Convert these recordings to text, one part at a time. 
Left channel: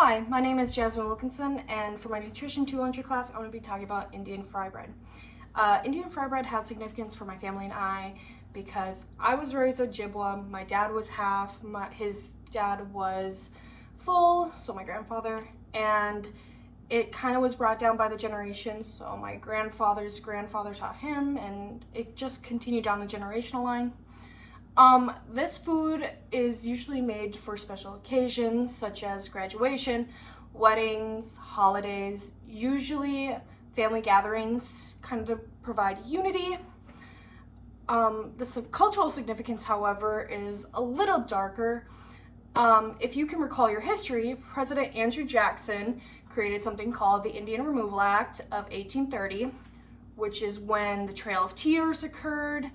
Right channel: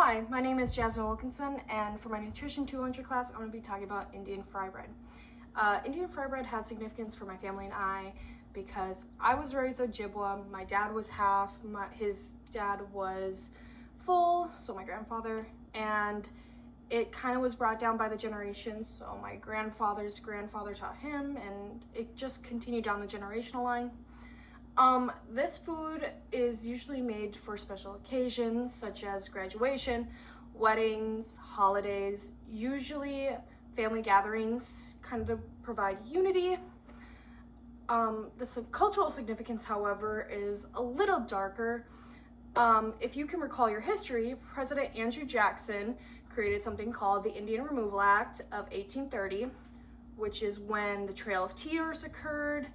Hi, my name is Jasmine Wilkinson, and for my Nutrition 200 class, I'm going to be talking about Indian fry bread. Indian fry bread has significance for my family and I because I was raised Ojibwa. My dad was half, his dad was full, so my grandfather, and it kind of was brought down by the generations. So my grandfather's grandfather taught him, and it just continued down the generational line. This food is usually made for special occasions such as graduation, weddings, holidays, usually family gatherings kind of provide unity. The cultural significance, however, is a little darker. If you can recall your history, President Andrew Jackson created something called the Indian Removal Act of 1830, which is when the Trail of Tears occurred,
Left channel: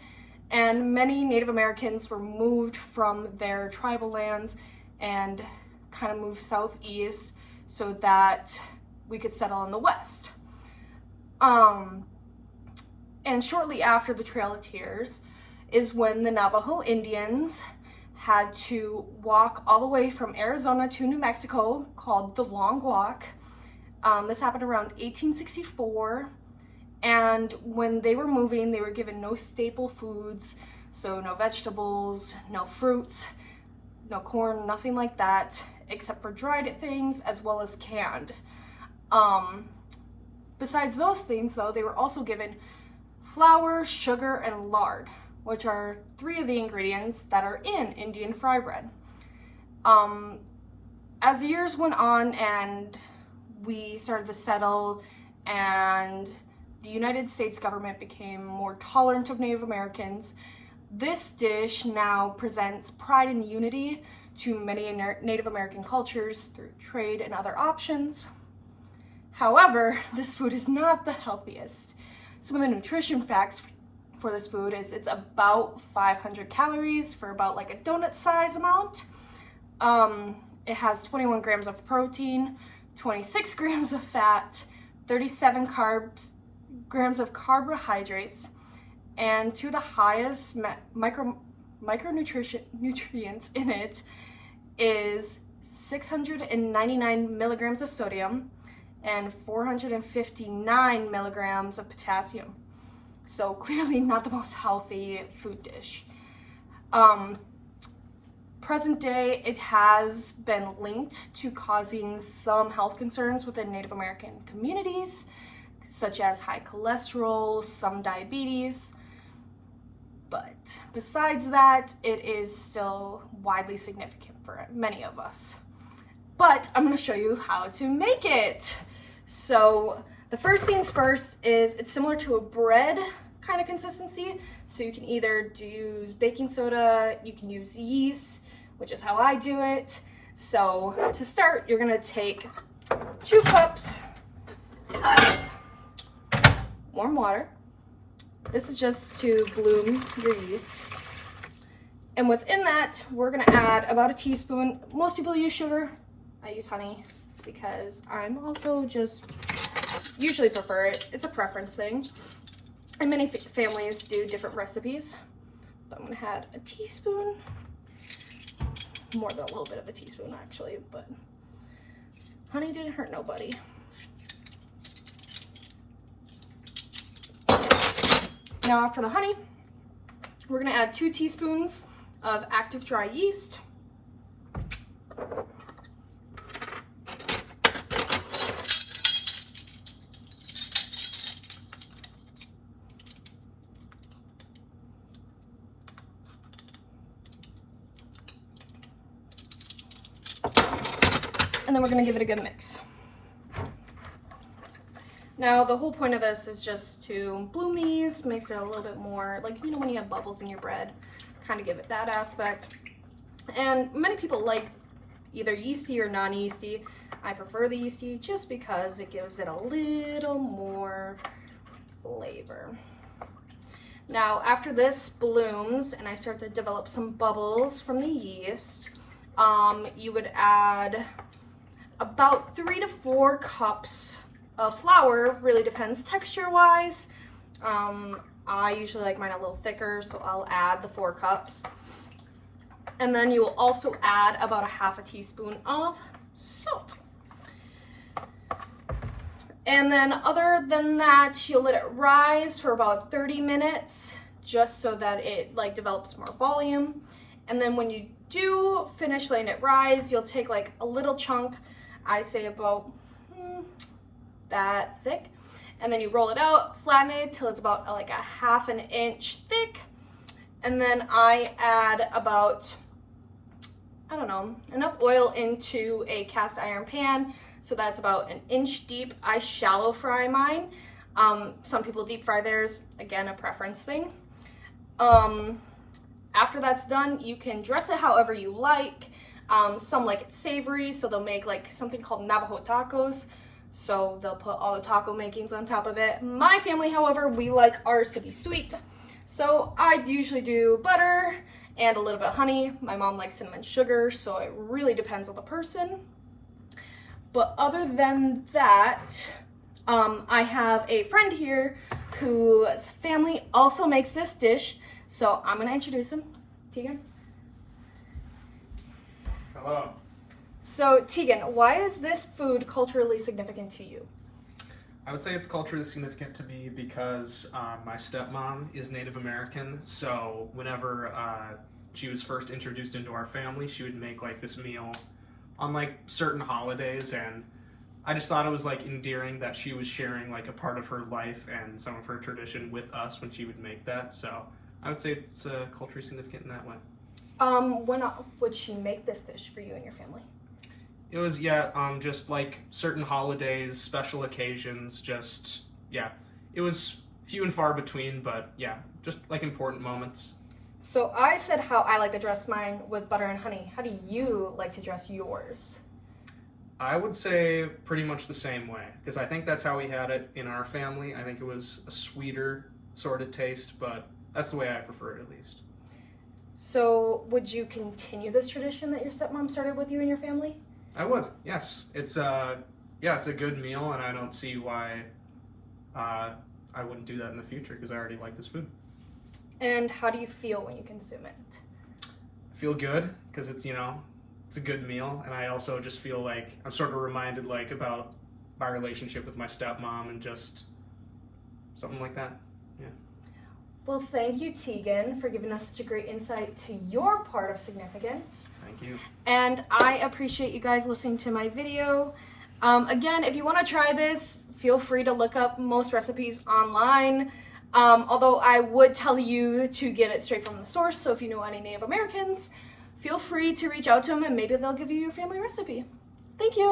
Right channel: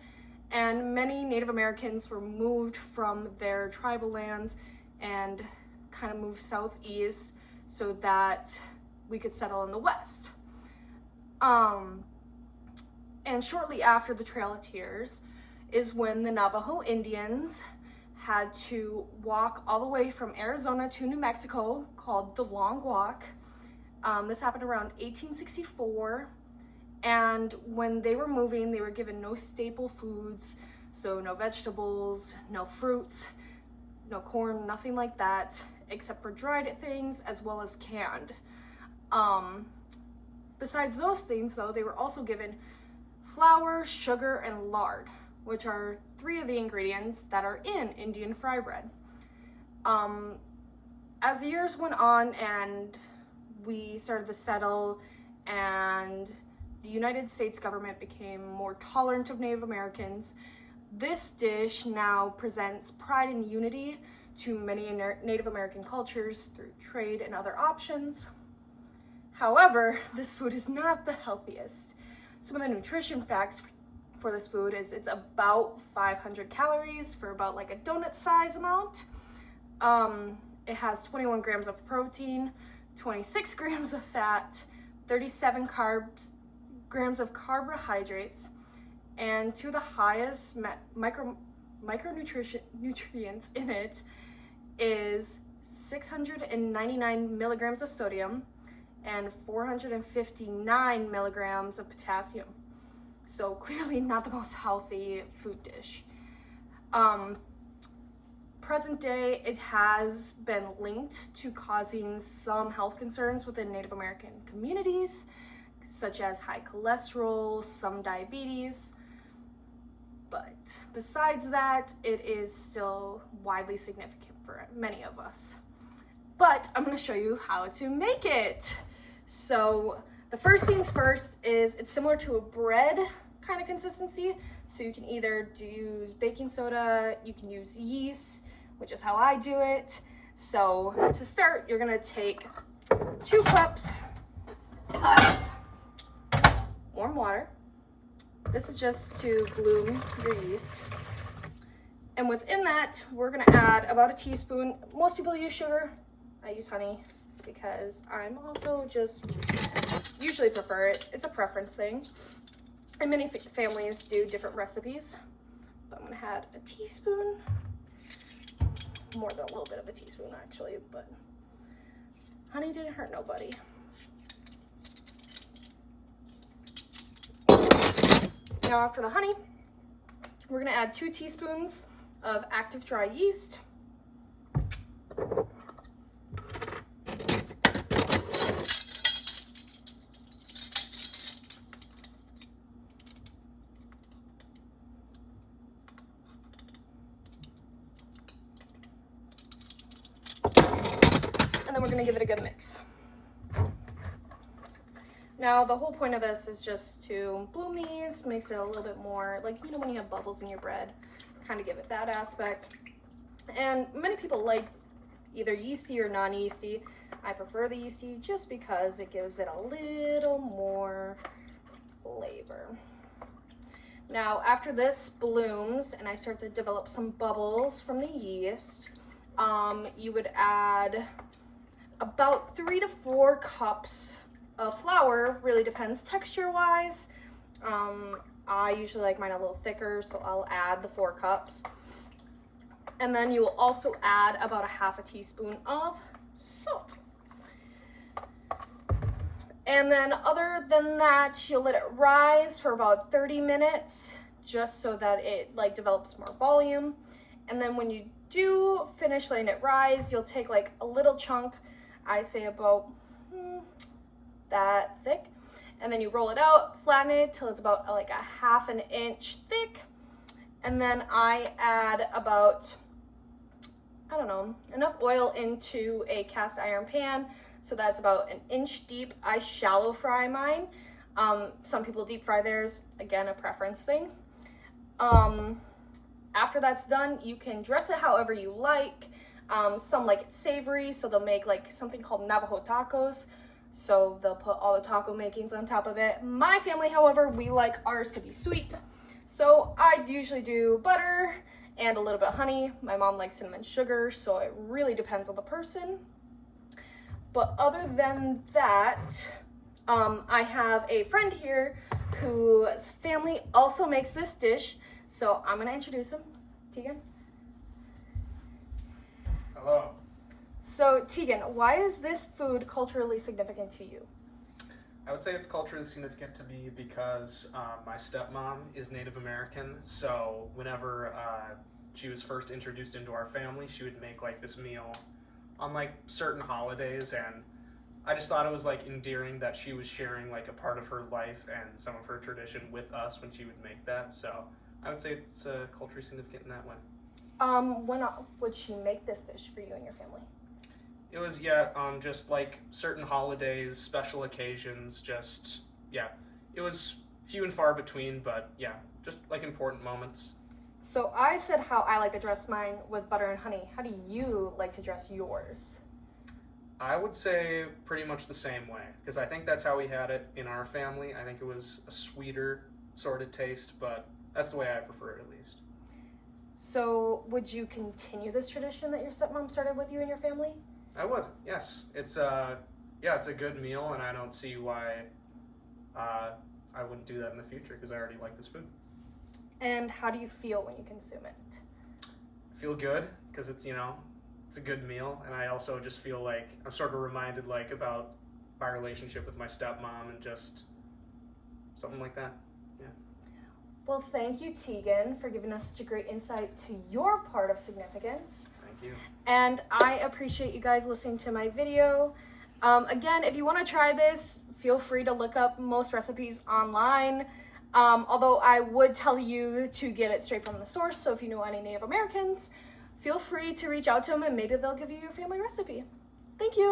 and many Native Americans were moved from their tribal lands and kind of moved southeast so that we could settle in the West. And shortly after the Trail of Tears is when the Navajo Indians had to walk all the way from Arizona to New Mexico, called the Long Walk. This happened around 1864. And when they were moving, they were given no staple foods, so no vegetables, no fruits, no corn, nothing like that, except for dried things as well as canned. Besides those things, though, they were also given flour, sugar, and lard, which are three of the ingredients that are in Indian fry bread. As the years went on and we started to settle and the United States government became more tolerant of Native Americans, this dish now presents pride and unity to many Native American cultures through trade and other options. However, this food is not the healthiest. Some of the nutrition facts for this food is it's about 500 calories for about like a donut size amount. It has 21 grams of protein, 26 grams of fat, 37 grams of carbohydrates, and two of the highest micronutrients in it is 699 milligrams of sodium and 459 milligrams of potassium. So clearly not the most healthy food dish. Present day, it has been linked to causing some health concerns within Native American communities, such as high cholesterol, some diabetes. But besides that, it is still widely significant for many of us. But I'm going to show you how to make it. So the first things first is it's similar to a bread kind of consistency. So you can either use baking soda, you can use yeast, which is how I do it. So to start, you're going to take 2 cups of warm water. This is just to bloom your yeast. And within that, we're gonna add about a teaspoon. Most people use sugar. I use honey because I'm also just usually prefer it. It's a preference thing. And many families do different recipes. So I'm gonna add a teaspoon, more than a little bit of a teaspoon actually, but honey didn't hurt nobody. Now after the honey, we're gonna add 2 teaspoons of active dry yeast. And then we're gonna give it a good mix. Now, the whole point of this is just to bloom these, makes it a little bit more, like, you know, when you have bubbles in your bread, kind of give it that aspect. And many people like either yeasty or non-yeasty. I prefer the yeasty just because it gives it a little more flavor. Now, after this blooms and I start to develop some bubbles from the yeast, you would add about 3 to 4 cups of flour. Really depends texture wise. I usually like mine a little thicker, so I'll add the 4 cups. And then you will also add about a half a teaspoon of salt. And then other than that, you'll let it rise for about 30 minutes just so that it like develops more volume. And then when you do finish letting it rise, you'll take like a little chunk, I say about that thick, and then you roll it out, flatten it till it's about like a half an inch thick. And then I add about, I don't know, enough oil into a cast iron pan so that's about an inch deep. I shallow fry mine. Some people deep fry theirs, again, a preference thing. After that's done, you can dress it however you like. Some like it savory, so they'll make like something called Navajo tacos. So they'll put all the taco makings on top of it. My family, however, we like ours to be sweet. So I usually do butter and a little bit of honey. My mom likes cinnamon sugar, so it really depends on the person. But other than that, I have a friend here whose family also makes this dish. So I'm gonna introduce him. Tegan? Hello. So Tegan, why is this food culturally significant to you? I would say it's culturally significant to me because my stepmom is Native American, so whenever she was first introduced into our family, she would make like this meal on like certain holidays, and I just thought it was like endearing that she was sharing like a part of her life and some of her tradition with us when she would make that. So I would say it's culturally significant in that way. When would she make this dish for you and your family? It was, just like certain holidays, special occasions, it was few and far between, but yeah, just like important moments. So I said how I like to dress mine with butter and honey. How do you like to dress yours? I would say pretty much the same way, because I think that's how we had it in our family. I think it was a sweeter sort of taste, but that's the way I prefer it at least. So would you continue this tradition that your stepmom started with you and your family? I would, yes. It's it's a good meal, and I don't see why I wouldn't do that in the future, because I already like this food. And how do you feel when you consume it? I feel good, because it's a good meal, and I also just feel like I'm sort of reminded like about my relationship with my stepmom and just something like that. Yeah. Well, thank you, Tegan, for giving us such a great insight to your part of significance. Thank you. And I appreciate you guys listening to my video. Again, if you want to try this, feel free to look up most recipes online. Although I would tell you to get it straight from the source, so if you know any Native Americans, feel free to reach out to them and maybe they'll give you your family recipe. Thank you.